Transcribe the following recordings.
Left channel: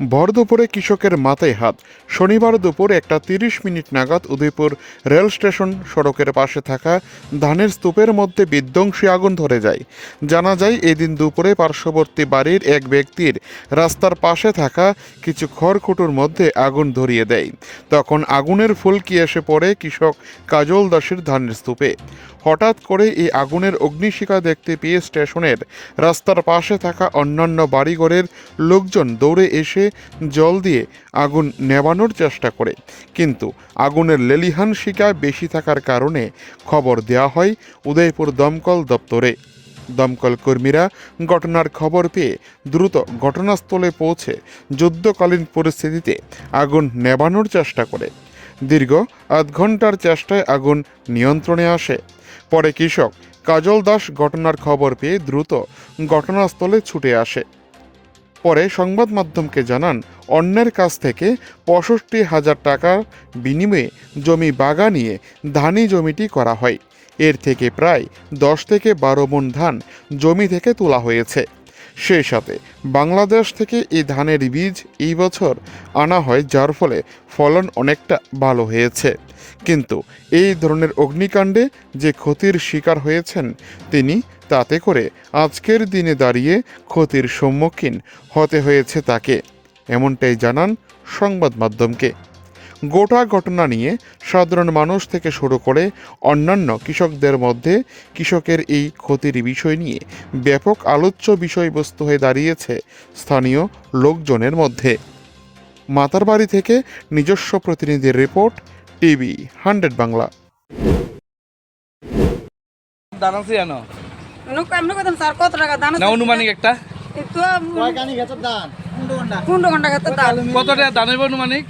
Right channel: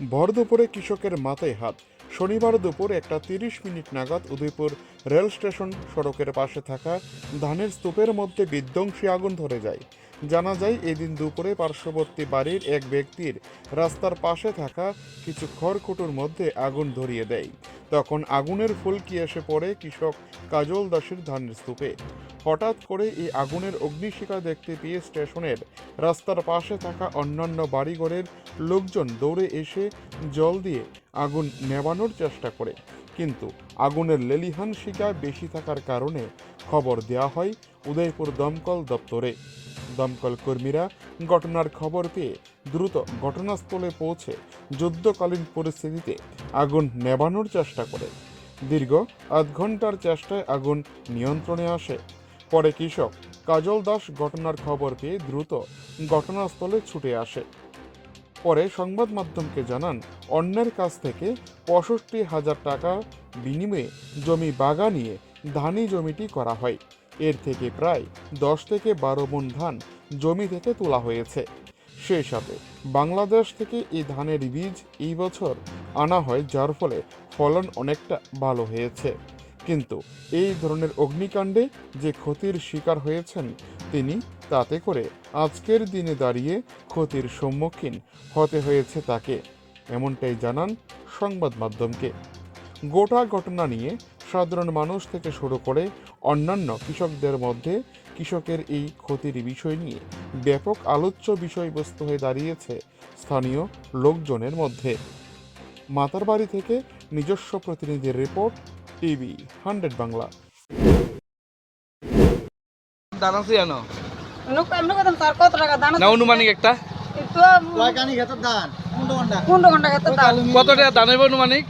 ভর দুপুরে কৃষকের মাথায় হাত। শনিবার দুপুর একটা তিরিশ মিনিট নাগাদ উদয়পুর রেল স্টেশন সড়কের পাশে থাকা ধানের স্তূপের মধ্যে বিধ্বংসী আগুন ধরে যায়। জানা যায়, এদিন দুপুরে পার্শ্ববর্তী বাড়ির এক ব্যক্তির রাস্তার পাশে থাকা কিছু খড়কুটোর মধ্যে আগুন ধরিয়ে দেয়। তখন আগুনের ফুলকি এসে পড়ে কৃষক কাজল দাসের ধানের স্তূপে। হঠাৎ করে এই আগুনের অগ্নিশিখা দেখতে পেয়ে স্টেশনের রাস্তার পাশে থাকা অন্যান্য বাড়িঘরের লোকজন দৌড়ে এসে জল দিয়ে আগুন নেভানোর চেষ্টা করে। কিন্তু আগুনের লেলিহান শিকা বেশি থাকার কারণে খবর দেওয়া হয় উদয়পুর দমকল দপ্তরে। দমকল কর্মীরা ঘটনার খবর পেয়ে দ্রুত ঘটনাস্থলে পৌঁছে যুদ্ধকালীন পরিস্থিতিতে আগুন নেভানোর চেষ্টা করে। দীর্ঘ আধ ঘণ্টার চেষ্টায় আগুন নিয়ন্ত্রণে আসে। পরে কৃষক কাজল দাস ঘটনার খবর পেয়ে দ্রুত ঘটনাস্থলে ছুটে আসে। পরে সংবাদ মাধ্যমকে জানান, অন্যের কাছ থেকে পঁয়ষট্টি হাজার টাকার বিনিময়ে জমি বাগা নিয়ে ধানি জমিটি করা হয়। এর থেকে প্রায় দশ থেকে বারো মন ধান জমি থেকে তোলা হয়েছে। সেই সাথে বাংলাদেশ থেকে এই ধানের বীজ এই বছর আনা হয়, যার ফলে ফলন অনেকটা ভালো হয়েছে। কিন্তু এই ধরনের অগ্নিকাণ্ডে যে ক্ষতির শিকার হয়েছেন তিনি, তাতে করে আজকের দিনে দাঁড়িয়ে ক্ষতির সম্মুখীন হতে হয়েছে তাকে। এমনটাই জানান সংবাদ মাধ্যমকে। গোটা ঘটনা নিয়ে সাধারণ মানুষ থেকে শুরু করে অন্যান্য কৃষকদের মধ্যে কৃষকের এই ক্ষতির বিষয় নিয়ে ব্যাপক আলোচ্য বিষয়বস্তু হয়ে দাঁড়িয়েছে স্থানীয় লোকজনের মধ্যে। মাতারবাড়ি থেকে নিজস্ব প্রতিনিধির রিপোর্ট টিভি হান্ড্রেড বাংলা। অনুমানিক একটা। কত টাকা দান অনুমানিক?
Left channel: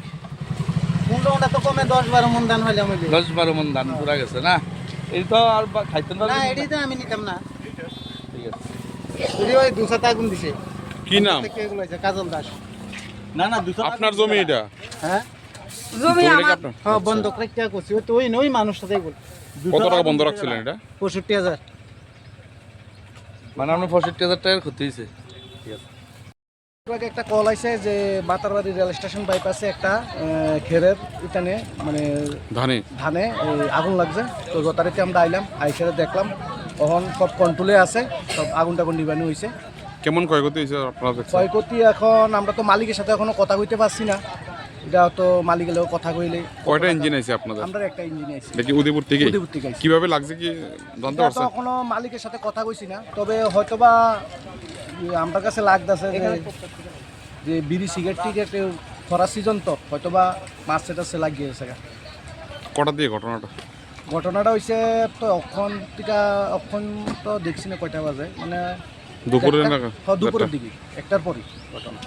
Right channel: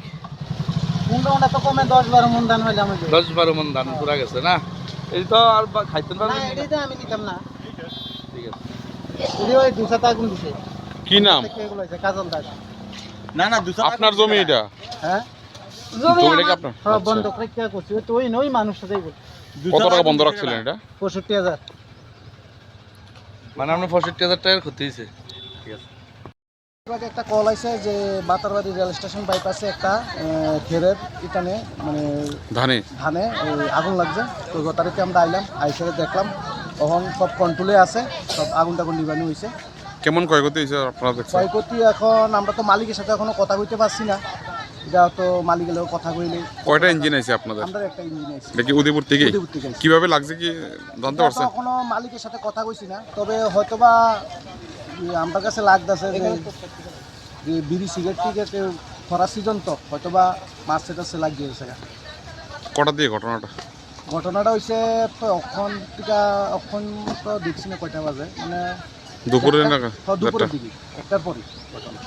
কুন্ড তো কমে দশ বারো মন দান হইলে আমি দশ বারো মন দান পুরা গেছে না? এই তো আর খাইতেন না এটাই তো আমি নিতাম না। ঠিক আছে। যদি ওই দুশো আগুন দিছে। কি নাম? কাজল দাস। না না আপনার জমি এটা? হ্যাঁ? জমি আমার আপনার? হ্যাঁ বন্ধ করে কে করছি। ওই তো ওই ওই মানুষটাতে বল কত টাকা বন্ধ রাখছিলেন এটা? পঁয়ষট্টি হাজার। মানে আপনার পঁয়ষট্টি হাজার টাকার ক্ষতি হয়েছে আমাকে একটা কল আছে যে বাতারবাড়ি রেল স্টেশন বাইপাসে একটা খেরের ইটানে মানে ধানে। ধানে আগুন লাগছে। তো রোটারিতে আমরা আইলাম আইসে দেখলাম তখন সব কন্ট্রোলে আছে সব আগুন টাগুন নিবানো হয়েছে কেমন ক্ষয়ক্ষতি হয়েছে আপনারা দেখছেন? ক্ষয়ক্ষতি এখন আমরা তো মালিকের সাথে এখনও কথা কইতে পারছি না। এটা তো মালিকের লোক কথা কইলে কয়টা ইঞ্জিন আছে আপনাদের? আমরা একটা ইঞ্জিন আইছি। এটা কি উদয়পুর থেকে? উদয়পুর থেকে কীভাবে লাগছে কি জানতে পারছেন? এখনও মালিকের সাথে কথা কইছি না। তবে হয়তোবা আমার কাছে লাগতেছে যে যে বিড়ি সিগারেট টিগারেট খরা সিজন তো হয়তোবা মাছ টাছে লাগিয়ে গেছে কটা দিয়ে ঘটনাটা? ঘটনাটা হয়েছে তো অক্ষণ টিকা অক্ষণ তো দেখছি না কয়টা বাজে। মানে দুপুরে হ্যাঁ, দুপুরের দিকে একটার পরই ঘটনা।